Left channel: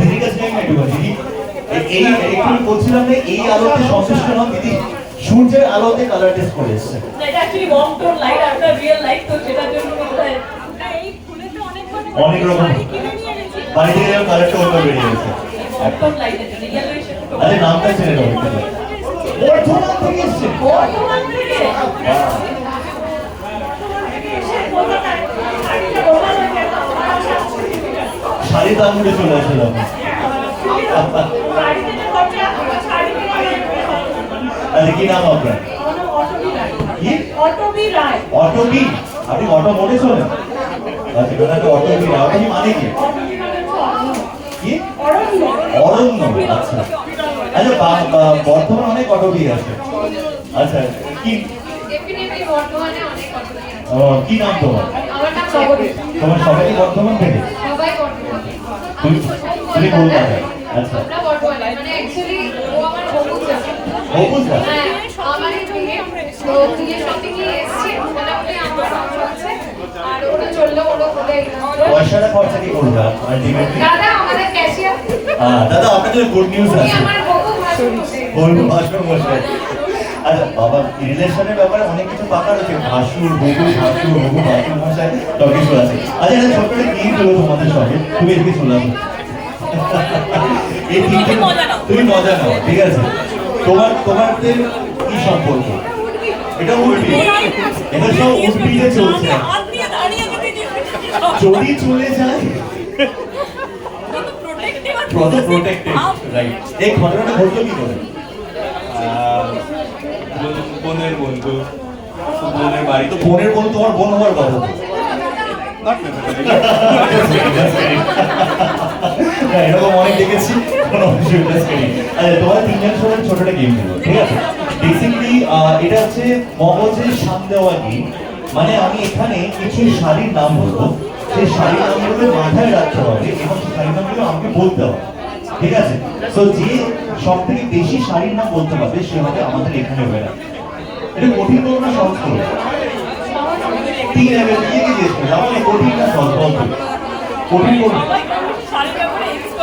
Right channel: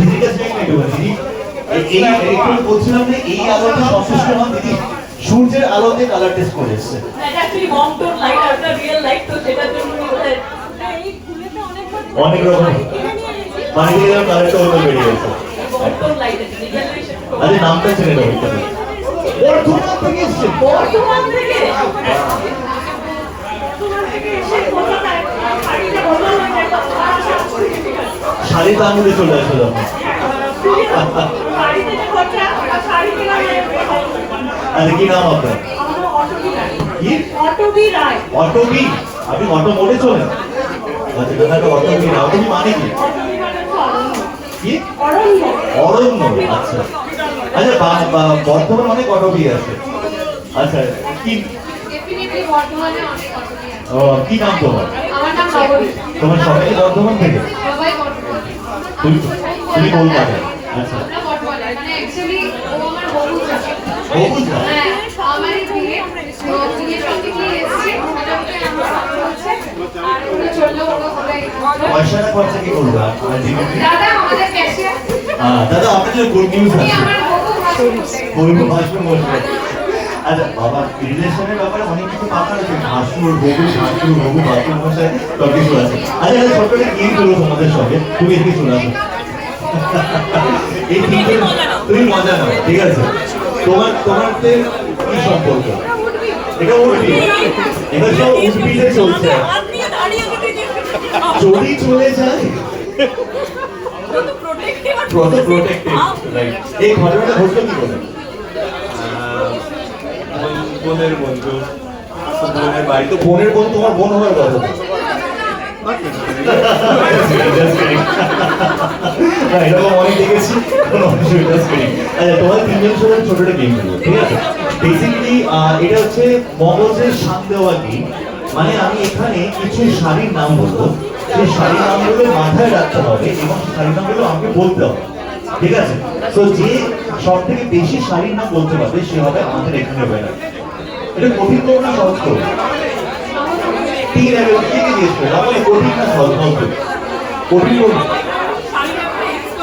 দিদির কাছে দিদি একটু বলছিলাম যে এই আলোতে সচেষ্ট হন দিদি, সূর্যের আলোতে কালার টেস্ট করে এসছে। অনেক রকম বাইরে কালারটা ওইভাবে বেরিয়ে গেছে। আরে নামটা ছেড়ে দাও একটু। বর্ধমান থেকে এসছে। বর্ধমান থেকে শাড়ি দামে চলে আসলো। আরে কি নাম আপনার? অটোবি রায়। অটোবি? আপনি অটো মোড়ে চলেন? আচ্ছা দাদা অটোবি রায়। অটোবি মানে কি? কি? অরণ্য। অরণ্য, আচ্ছা আচ্ছা। বর্ধমান অনেক অটোবি আছে। আচ্ছা কি কি নাম তোমার? তোমার সবাই বর্ধমান থেকে? তুমি কলকাতা? আচ্ছা পয়সাটা খরচা কি করবে? দাদা আপনাদের গুড নিউজ আছে। আচ্ছা বাবা, রিলেশনের ব্যাপারে অনেক কিছু কথা আছে। ভাসুর বধূ, ভাসুর বধূ, ভাসুর ভাষায় সব কিছু আছে। আচ্ছা একটা ছোট্ট একটা গেম করবো তোমাদের সঙ্গে, তুমি এদিকে চলে আসো। এই গেমটা তুমি মজা নাও, ঠিক আছে? তোমাদের কি সম্পর্ক? এটা উর্বি, এটা সব উর্বিতে চলছে। যদি চলে যায় প্রোটেক্টিভ, রাইট? এই ঘটনাটা ঘটলো কি করে? বোনের বন্ধু, বোনের বাড়ি। তো বোনের বন্ধু তোমার বোন হওয়ার কথা। এরকম অনেক দেখেছি। আচ্ছা তোমার তিনজন সবাই ছোট একটা গেম খেলবো, ঠিক আছে? বেসিক্যালি এটা হচ্ছে মগজের সাম দেওয়া গেম। মানে আমি এখানে কিছু শাড়ির নাম বলবো, সেই শাড়ির নামগুলো মাথায় রাখতে হবে এবং শাড়ির নামগুলো আমাকে বলতে হবে, ঠিক আছে? তো যে সব থেকে বেশি শাড়ির নাম বলতে পারবে সে হবে আমাদের এখানে ওয়েনার। এটা কঠিন করো না সহজ করো? তিন আগে জিজ্ঞেস করে আপনি কঠিন না সহজ বলতে? কঠিন করো।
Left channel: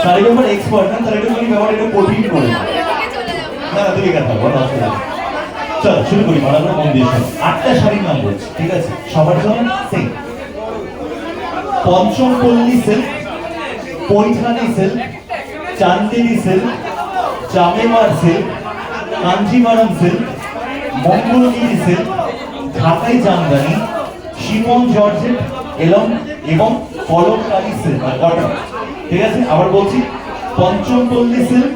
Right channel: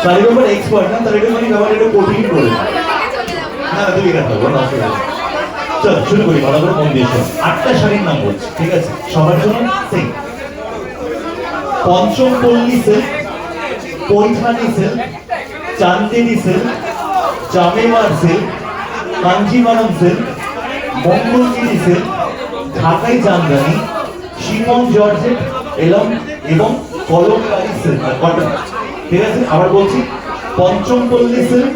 শাড়ির ব্যাপারে এক্সপার্ট না, তার এটা মানে ব্যাপার এটা কঠিন করে না। তুমি কথা বলো, অসুবিধা নেই। চলো শুরু করি, ভালো করে মন দিয়ে শোনো। 8টা শাড়ির নাম বলছি, ঠিক আছে? সবার জন্য same. Pochampally silk, Paithani silk, Chanderi silk, Jamawar silk, Kanjivaram silk, Mangalagiri silk, Dhakai Jamdani, chiffon georgette এবং কলমকারী সিল্ক কটন, ঠিক আছে? আবার বলছি, Pochampally silk,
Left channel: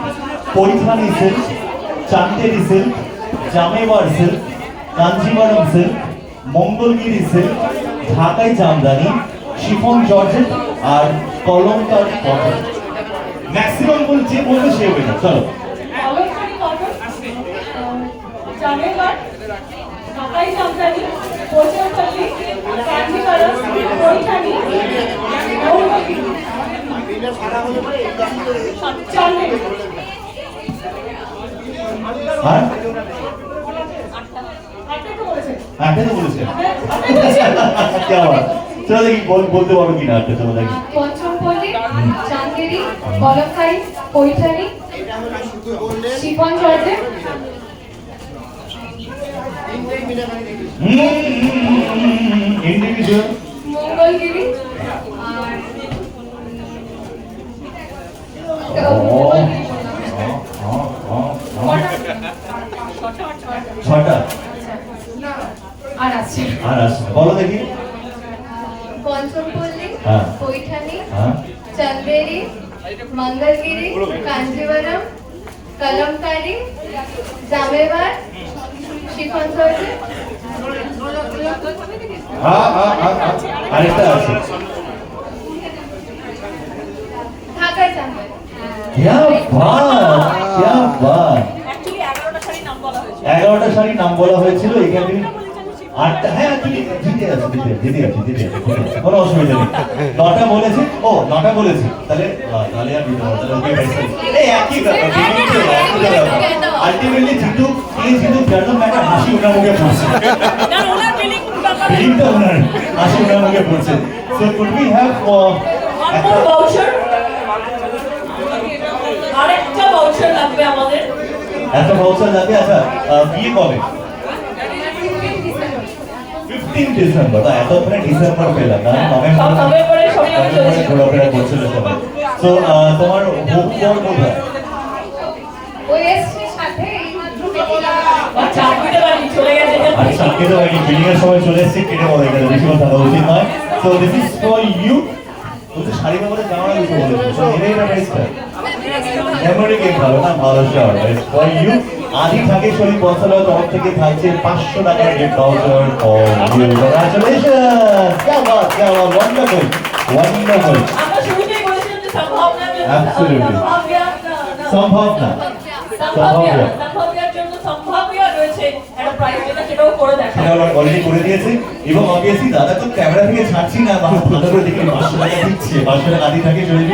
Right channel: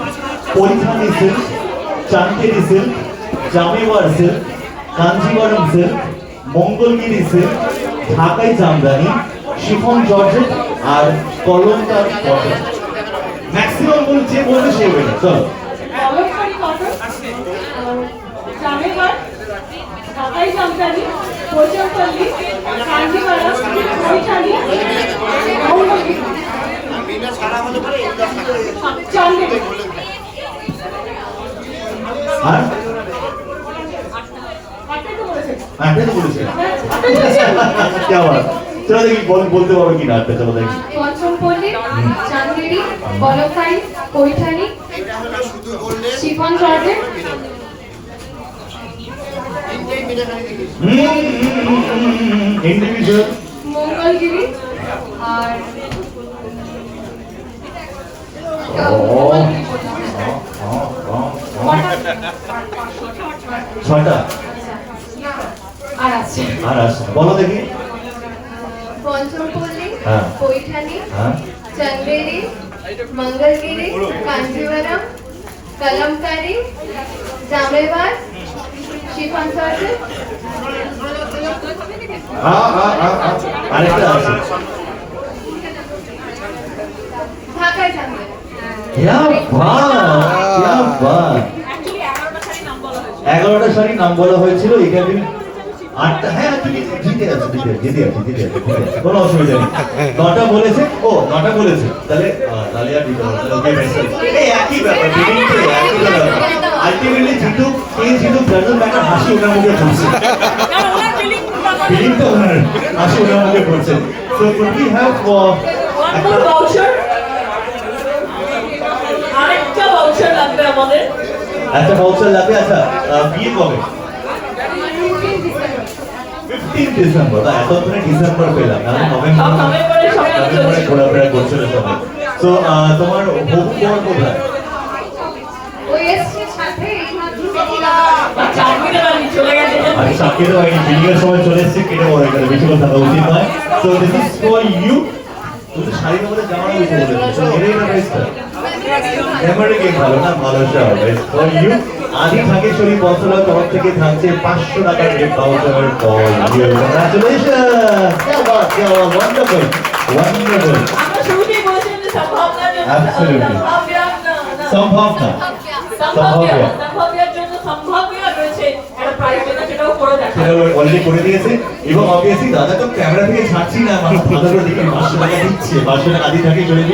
Paithani silk, Chanderi silk, Jamawar silk, Kanjivaram silk, Mangalagiri silk, Dhakai Jamdani, chiffon georgette আর কলমকারী কটন। ম্যাক্সিমাম যে বলবে সে বলবে। চলো বলতে পারো কিনা? আটটা চলো দেখি। Pochampally, Chanderi, Kalamkari, Paithani, chiffon georgette, individual, Mangalagiri আর ছটা আর আছে। আর আছে বলো দেখি। পঞ্চমপল্লী, পৈঠানি, চান্দেরি, মঙ্গলগিরি, কাঞ্জিভারাম, কলমকারী, জামেওয়ার, শিফন জর্জেট, আরেকটা আছে ঢাকাই জামদানি। क्या बात, क्या बात। 11টা শাড়ির নাম বলা হয়েছিল, এখানে 8টা। হ্যাঁ তুমি জিতে আছো, জিতে আছো, কোনো অসুবিধা নেই। 9টা বলেছে, ও 9টা বলেছে, তাহলে তাহলে আর দিতে হবে। এই একই ব্যাপার, একই ব্যাপার। আলটিমেটলি জিতু কে জিতু জার্নাল ম্যাটার, হাসি ওনার মুখে ফুটছে। বিলিংটা ওনার 80 করছে। So could we have One more voucher. আরেকটা voucher লাগবে আমাদের। একটা ভাউচার লাগবে। আচ্ছা বিয়ে কবে? 15 ডিসেম্বর। এতক্ষণে ডিসেম্বর পেলাম না, নভেম্বরে সবাই চলছে। ঘোরাফেরা করছিল সবাই। তো তোমার হবু বর কোথায়? ওই এসছে সাথে আচ্ছা, আজকে বাড়ি চলে গেছে। আরে সামনে তো বাইরে বিলিং এর সময় চলে এসেছে, কেটে বড় এখানে বেশি কথা বলা উচিত নয়। So this is for you. তুমি তো শাড়ি কাপড়ে জামা দিতে বলেছো, এটাই না বেস্ট। মেমোরি গেম ভালো না, ভালো শো। It's for you. আদি ঢাকেশ্বরী বছরের তরফ থেকে থাকছে 500 টাকার gift voucher for you. Congratulations. क्या बात, ওয়ান্ডারফুল ওয়ান্ডারফুল। আমরা শুরুতেই বলেছিলাম যে সম্ভাবনা জন্য Absolutely. সম্ভাবনা সম্ভাব্য। সম্ভাব্যের জন্য সম্ভাব্য রয়েছে একটা প্রাইজ যেটা সেটাও করে দেখা। সেটা অলরেডি করে দিয়েছে এবং অবভিয়াসলি দাদা তো ক্যামেরা থেকে ছাড়ছি না, আমার 15 দিকে 500 টাকা দিচ্ছে, 500 টাকা আদি ঢাকেশ্বরী